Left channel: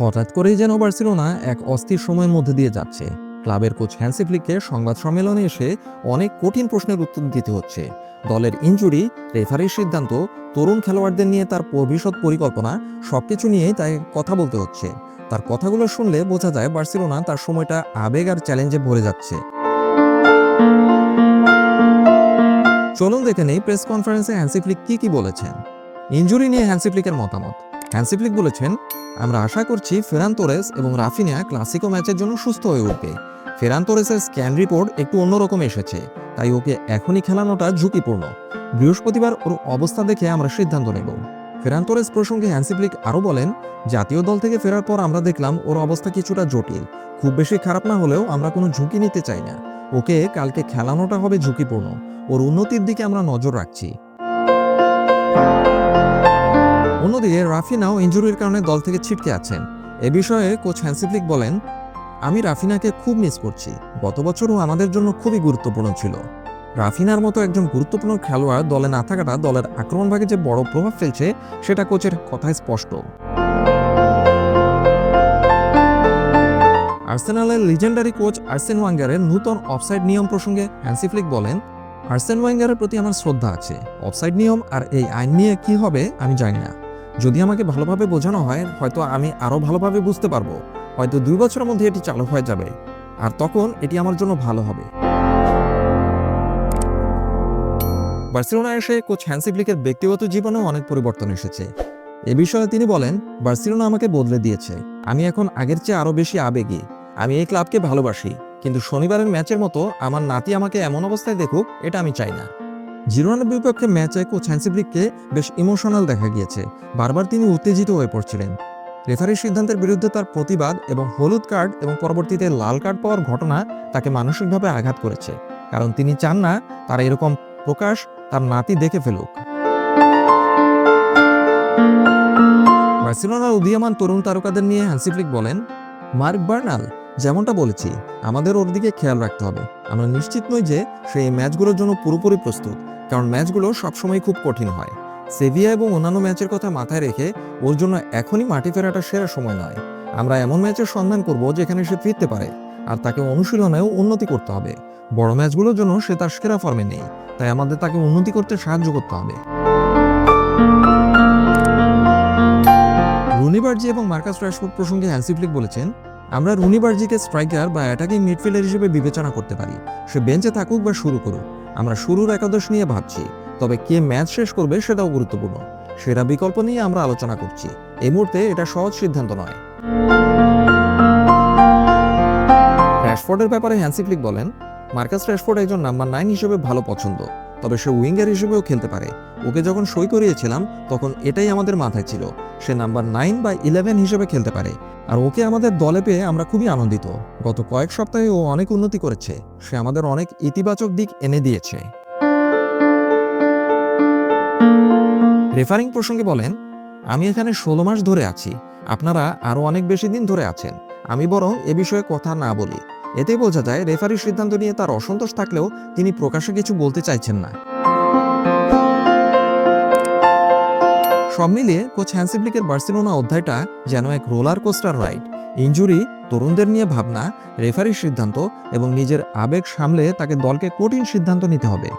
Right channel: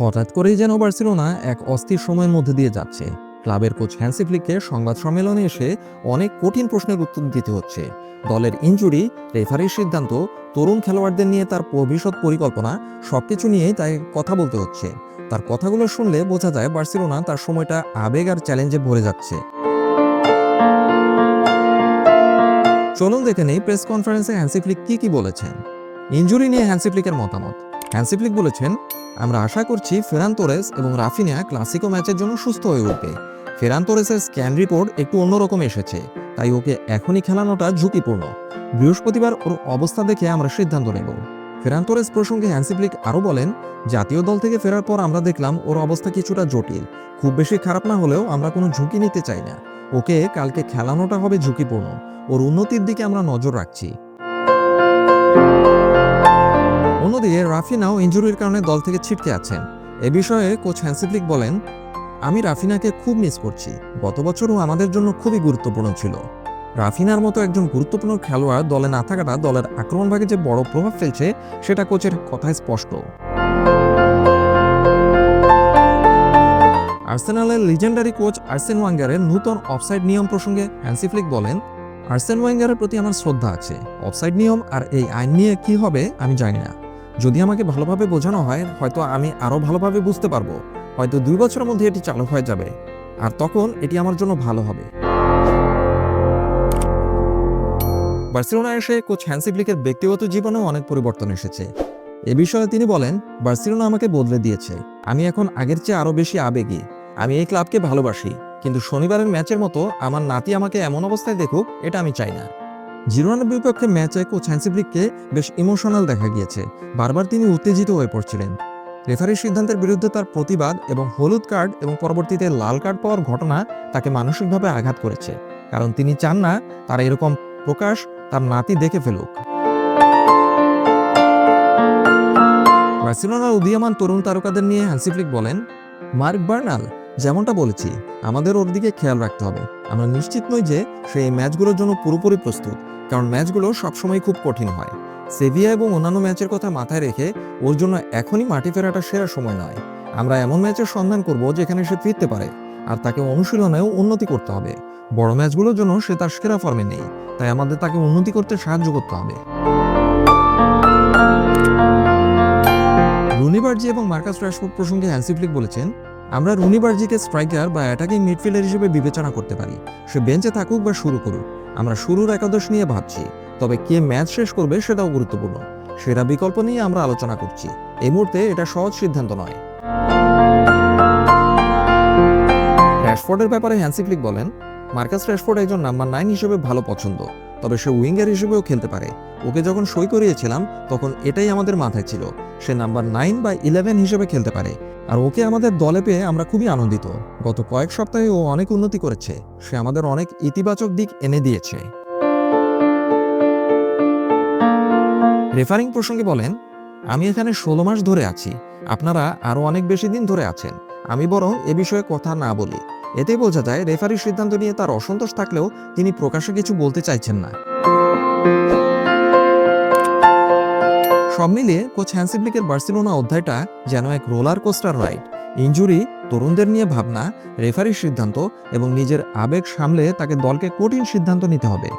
হঠাৎ করেই যেন বার্সেলোনা এক অস্থির সময়ের মধ্যে দিয়ে যাচ্ছে। ক্লাবের কোচ হ্যান্সি ফ্লিককে সংবাদ সম্মেলনে এসে অনেক কঠিন প্রশ্নের উত্তর দিতে হচ্ছে। দলের ইনজুরি, রেফারির সিদ্ধান্ত, তরুণ খেলোয়াড়দের নিয়ে তার ভবিষ্যৎ পরিকল্পনা, সবকিছু নিয়েই তাই কথা বলতে হচ্ছে। তার কথাগুলো শুনলে বোঝা যায় বার্সেলোনা তার সময়টা আবেগ আর চ্যালেঞ্জে ভরে যাচ্ছে। চলুন দেখে নেই প্রেস কনফারেন্সে হ্যান্সিফ্লিক কি কি বলেছেন। ইনজুরি নিয়ে হ্যান্সি ফ্লিকের মতামত। হ্যান্সি ফ্লিক বলেছেন, আমরা আশা করছি ফেরান তোরেস এবং রাফিনিয়া ক্লাসিকো ম্যাচের জন্য সুস্থ হয়ে উঠবে। ফেরান তোরেসের স্ক্যান রিপোর্ট একটু অন্যরকম এসেছে, তাই ওকে এখনই খেলানোটা ঝুঁকিপূর্ণ। বৃহস্পতিবার ওর অবস্থা দেখে আমরা সিদ্ধান্ত নেব। ফেরান তোরেস প্রসঙ্গে হ্যান্সি ফ্লিক আরও বলেন, জাতীয় দল থেকে ফেরার পর আমরা দেখলাম ওর অবস্থা কিছুটা জটিল। খুব বেশি খারাপ না হলেও আমরা কোনো ঝুঁকি নিতে চাই না। ওকে কালকে খেলানোটা হবে ঝুঁকিপূর্ণ। ওর উন্নতির দিকে আমরা নজর রাখছি। অন্যদিকে রাফিনাও ইনজুরির কারণে দল থেকে ছিটকে আছেন। এ বিষয়ে কোচ হ্যান্সিফ্লিক বলেন, আমি রাফিনাকে খুব মিস করছি। গত বছরও আমাদের জন্য খুবই গুরুত্বপূর্ণ ছিল। রাফিনার মতো একজন গুরুত্বপূর্ণ খেলোয়াড় দলে না থাকাটা দলের আক্রমণ ভাগে যে বড় প্রভাব ফেলছে, সেটা কোচের কথায় স্পষ্ট। আর্সেনালের লিজেন্ডারি কোচ আর্সেন ওয়াঙ্গারের নূতন অফসাইড নিয়ম প্রসঙ্গে হ্যান্সিফ্লিক বলেন, আর্সেন ওয়াঙ্গারের প্রতি আমার শ্রদ্ধা আছে। অফসাইড নিয়ম আর এই আইন নিয়ে কি হবে আমি জানি না। যদি আমাকে ভালোভাবে বোঝানো হয়, হয়তো আমি আরও ভালোভাবে বুঝতে পারব। হয়তো দুই বছরের মধ্যে এটি চালু হয়ে যাবে। আর তখন এটি আমার জন্য ভালো হবে। বার্সেলোনা এসে কোচ হ্যান্সি ফ্লিকের ব্যক্তিগত জীবনেও অনেক পরিবর্তন এসেছে। এ বিষয়ে তিনি বলেন, বার্সেলোনা আমাকে বদলে দিয়েছে। আমি এখন আগের চেয়ে আরও বেশি আবেগী। আমি এই ক্লাবকে ভালোবাসি। কিন্তু শনিবারের ম্যাচের মতো আমার নাতি আমাকে এমন অবস্থায় দেখুক, এটা আমি চাই না। জিরোনার বিপক্ষে ম্যাচে কোচ হ্যান্সিফ্লিককে বেশ ইমোশনাল দেখা গিয়েছে। বারবার তিনি উত্তেজিত হয়ে পড়ছিলেন। রেফারির সিদ্ধান্তের বিরুদ্ধে তার প্রতিবাদ এবং হলুদ কার্ড এবং পরবর্তীতে লাল কার্ড পাওয়ার ঘটনা তাকে মানসিকভাবে আঘাত করেছে। কারণ তিনি চান না তার এরকম প্রকাশ তার নাতি দেখে ফেলুক। বার্সেলোনার উদীয়মান তরুণ তারকাদের নিয়ে হ্যান্সিফ্লিক বলেন, মার্ক বার্নাল, যেমনটা বলেছি, আমাদের ওর দিকে খেয়াল রাখতে হবে। আমরা নিশ্চিত নই যে সে এই ম্যাচগুলোর জন্য পুরোপুরি প্রস্তুত। কারণ ম্যাচগুলো সবসময় খুব কঠিন হয়। সেভিয়া এবং অন্যান্য ম্যাচের কথা মাথায় রেখে ওর জন্য এখনই মাটি ফেরাটা সেরা সময় নয়। আমরা এমন ম্যাচের সন্ধান করব যেখানে সে ফিরতে পারে, আর তাকে অনুশীলনেও উন্নতি করতে হবে। বড় ম্যাচগুলোর জন্য সে তার সেরা ফর্মে নেই, তাই আমাদের তাকে উন্নতি করতে সাহায্য করতে হবে। রুনিবার্জি এবং মার্কাস রাশফোর্ড প্রসঙ্গে হ্যান্সিফ্লিক বলেছেন, আমরা রুনিবার্জিকে স্ট্রাইকার বা অ্যাটাকিং মিডফিল্ডার হিসেবে বিবেচনা করতে পারি। সে বেঞ্চে থাকুক বা শুরু করুক। আমরা শুরুর একাদশ নিয়ে ভাবছি, তবে কে ম্যাচ শেষ করবে সেটাও গুরুত্বপূর্ণ। সেরা বিকল্প নিয়ে আমরা আলোচনা করছি। এই মুহূর্তে এটা সহজ সিদ্ধান্ত নয়। র্যাশফোর্ডের ব্যাপারে হ্যান্সিক্লিক বলেন, মার্কাস র্যাশফোর্ড একজন নাম্বার নাইন হিসেবে ভালো পছন্দ। তবে সে উইঙ্গার হিসেবেও খেলতে পারে। ওকে যখন সই করিয়েছিলাম, তখন এটাই আমাদের মাথায় ছিল। সে নাম্বার নাইন বা ইলেভেন হিসেবে খেলতে পারে। আর ওকে আমাদের দলে পেয়ে আমরা খুবই আনন্দিত। গত কয়েক সপ্তাহে ও অনেক উন্নতি করেছে। সে আমাদের অনেক ইতিবাচক দিক এনে দিয়েছে। রেফারিং প্রসঙ্গে বলেন, আমি এখানে ষোলো মাস ধরে আছি। আপনারা আরও অনেক বেশি দিন ধরে আছেন। আমি বরং এ বিষয়ে কথা না বলি। এতে বোঝা যায় রেফারির সিদ্ধান্ত নিয়ে তার অসন্তোষ থাকলেও তিনি প্রকাশ্যে কিছু বলতে চাইছেন না। সব মিলিয়ে কোচ হ্যান্সিপ্লিকের বার্সেলোনা অধ্যায়টা যেন এক রোলার কোস্টার রাইড। ইঞ্জুরি তরুণদের নিয়ে ভাবনা, রেফারির সিদ্ধান্ত এবং নিজের আবেগ সামলে তাকে দলকে কঠিন সিদ্ধান্ত নিতে হবে।